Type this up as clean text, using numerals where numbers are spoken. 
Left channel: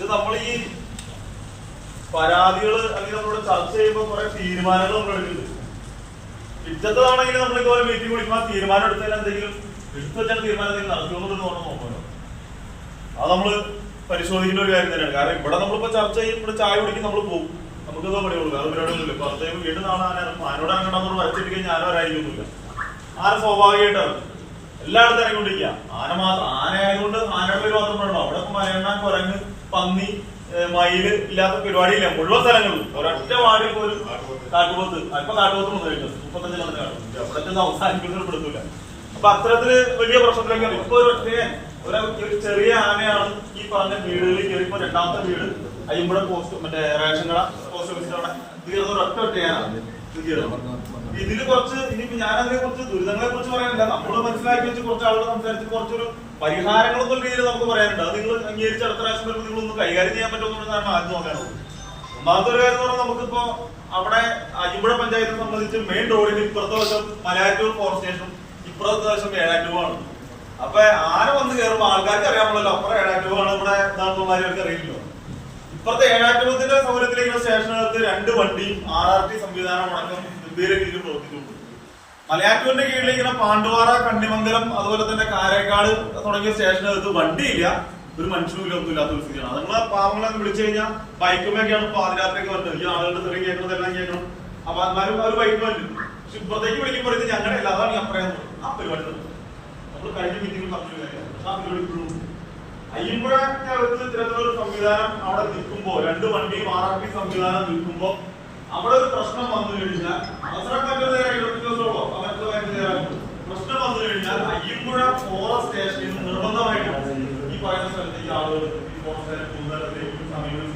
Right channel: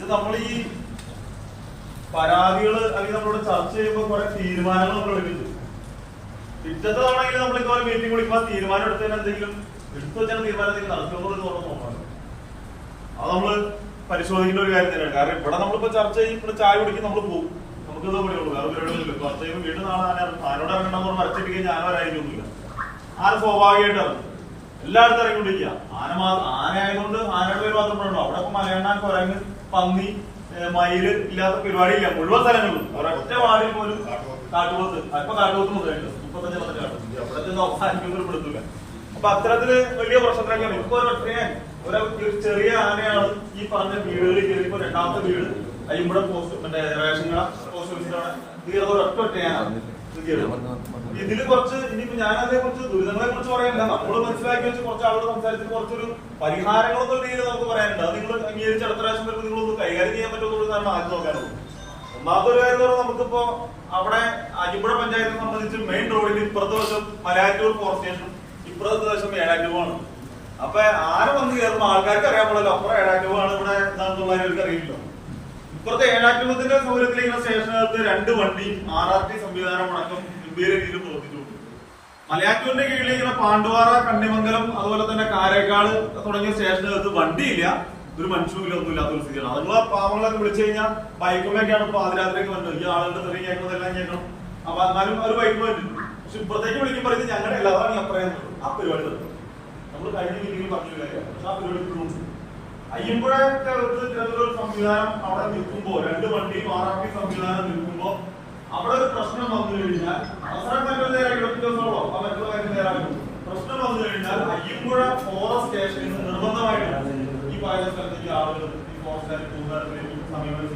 ഇത് നമ്മൾ ഈ പരാതികൾ അല്ലെങ്കിൽ നമ്മളോട് ചർച്ച ചെയ്യുമ്പോൾ കുറെ തീരുമാനങ്ങൾ നമ്മൾ എടുക്കുന്നുണ്ട്. പിറ്റത്തതാണെങ്കിൽ നമ്മൾ ഇതുപോലെ മീറ്റിംഗ് വിളിക്കുമ്പോൾ തീരുമാനം എടുക്കാൻ എന്തെങ്കിലും എടുത്തു വെച്ചാൽ തീരുമാനം എന്തെങ്കിലും നടക്കുമെന്നുള്ളത് നോക്കണ്ടോ? അത് നമ്മള് പരിശോധിക്കേണ്ട ഒരു കാര്യം തന്നെയാണ്. കാരണം ഇവിടെ നമ്മളിപ്പോ ചർച്ച ചെയ്യും, ഇവിടെ ചായ കുടിക്കും, നമ്മൾ പോകും, നമുക്കിത് പണിയുള്ളൂ. അത് പരിപാടിയൊന്നുമില്ല. ചർച്ച ചെയ്യുമ്പോൾ വീട്ടിൽ നാളെ ആനോട് ഇറങ്ങണമെന്ന് വരച്ചിട്ട് ഞാനോ ഒരായിരിക്കൊന്നുമില്ല. ആന സ്വാഭാവികമായിട്ടാണ് എല്ലായിടത്തും ഇറങ്ങിക്കൊണ്ടിരിക്കുക. ആനയായതുകൊണ്ട് ആനയുടെ പേര് മാത്രം പറയണോ? അവിടെ മലയണ്ണാൻ, കുരങ്ങ്, പന്നി, മയില് ഇല്ലാത്ത പരിപാടിയില്ല. മുഴുവൻ സ്ഥലങ്ങളും ഒരൊറ്റ വാടിൽ പോലും കാട്ടുപോത്ത്, ഇപ്പൊ കാട്ടുപോത്ത് മുതലുണ്ട് 35 അവിടെ അവസാനിക്കുന്നൊരു പെടുത്തില്ല. അപ്പൊ അത്തരത്തില് വലിയ പ്രശ്നത്തിലേക്കാണ് ഇപ്പൊ. ഒരു ചെറിയ ആനയാണ് ഈ പറഞ്ഞ വീടുകളിൽ കയറിപ്പോ രണ്ടാമത്തെ വീട് അയ്യമ്പുഴ പോസ്റ്റ് മറ്റേ റേഷൻ കട പോസ്റ്റ് ഓഫീസിൽ അവിടെ തീർന്ന ഒരൊറ്റ ആനയാണ്. ഇതില് കുറച്ച് ഇനിയിപ്പോ ഞാൻ അതിനെ കുറിച്ച് ദുരിതങ്ങളെ കുറിച്ച് പറയാനില്ല. നമ്മൾ മനസ്സിലാക്കി വെച്ച് കുറച്ച് ആളുകൾ സംസാരിച്ചിട്ട് കുറച്ചൊരു പരിഹാരങ്ങളൊന്നും രീതിയിൽ നമുക്ക് പറയാനുണ്ട്. അത് നിങ്ങൾ അംഗീകരിച്ച് അടുത്ത പ്രാവശ്യം വരുമ്പോൾ നിങ്ങളൊന്ന് കൈകാര്യം ചെയ്യാൻ പറ്റുമെന്നുള്ളതാണ് ആദ്യം നോക്കാനുള്ളത്. ഒന്നാമത്തെ ഒരു കാര്യം എന്ന് പറഞ്ഞാൽ നമുക്കിപ്പോ അവിടെ അയ്യമ്പുഴ പഞ്ചായത്തിനെ സംബന്ധിച്ച് മെയിൻ റോഡിന് ഇപ്പുറത്തെ വശം മലയാറ്റൂർ ഫോറസ്റ്റ് സ്റ്റേഷനും ഇപ്പുറത്തെ വശം ഏഴാറ്റൂവാണ്. അപ്പൊ ആന വന്ന് കയറുമ്പോൾ ആൾക്കാർക്ക് അറിയാൻ പാടില്ല അപ്പുറം ഏഴാറ്റൂവാണ് ഇവിടെ എന്താണെന്നുള്ളവർക്ക് അറിയില്ലോ. ഇപ്പുറത്തെ ഏഴാറ്റൂവത്തിന്റെ സൗകര്യത്തിലേക്കുള്ള സ്റ്റേഷനകത്ത് 2 വണ്ടിയും RRT സംവിധാനം അടക്കം ഗംഭീര രീതിയിൽ പ്രവർത്തിച്ചിട്ടുണ്ട്. മലയാറ്റൂരിന്റെ കീഴിൽ ഇങ്ങനെ പാണ്ടുവാറ, കണ്ണിമംഗലം, അതുപോലെ തന്നെ കാരേക്കാട് തുടങ്ങിയ സ്റ്റേഷനകത്ത് വണ്ടിയില്ല, ഒരു മനുഷ്യനും ഒന്നുമില്ലാത്ത ഒരു സ്ഥിതിയാണ്. നമ്മളെ പാവങ്ങളൊക്കെ വിളിച്ചു കഴിഞ്ഞാൽ ബൈക്കുകളൊക്കെയാണ് ഇപ്പൊ പാതിരാത്രിക്ക് വന്നത്. ഈ ആളുകളുടെ തെറി കേൾക്കുന്നതെല്ലാം കേൾക്കണം. അപ്പൊ എന്നാലും ഒരു ബൈക്ക് വേണ്ടി. പക്ഷെ ഇപ്പുറത്തേക്ക് വിളിക്കുമ്പോൾ ഇത് ഞങ്ങളുടെ ഇല്ല, അതാണ് ഞാൻ പറയാൻ ആ പരിപാടി നമ്മൾ കഴിഞ്ഞ മീറ്റിംഗിൽ പറഞ്ഞില്ല. ആ പരിപാടി ഇപ്പോഴും അയ്യമ്പുഴത്തെ ഇത്തരത്തിലൊരു സംവിധാനം അവിടെ നിൽക്കുമ്പോ 2 വണ്ടിയും RRT സംവിധാനം നിൽക്കുമ്പോ അവിടെ ഒരു പ്രശ്നം വന്നു കഴിഞ്ഞാൽ അവസരം മറ്റൊരു നേരം 20 ദിവസമോ മറ്റുള്ള കാര്യം നേരാകും. പ്രശ്നം വന്നു കഴിഞ്ഞാൽ അയ്യമ്പുഴ ഫോറസ്റ്റ് സ്റ്റേഷനിൽ നിർബന്ധമായിട്ടാണ് ഈ പറയുന്ന സ്ഥലത്തേക്ക് ആളുകൾ ഈ ഫോറസ്റ്റുകാർ സമീപനം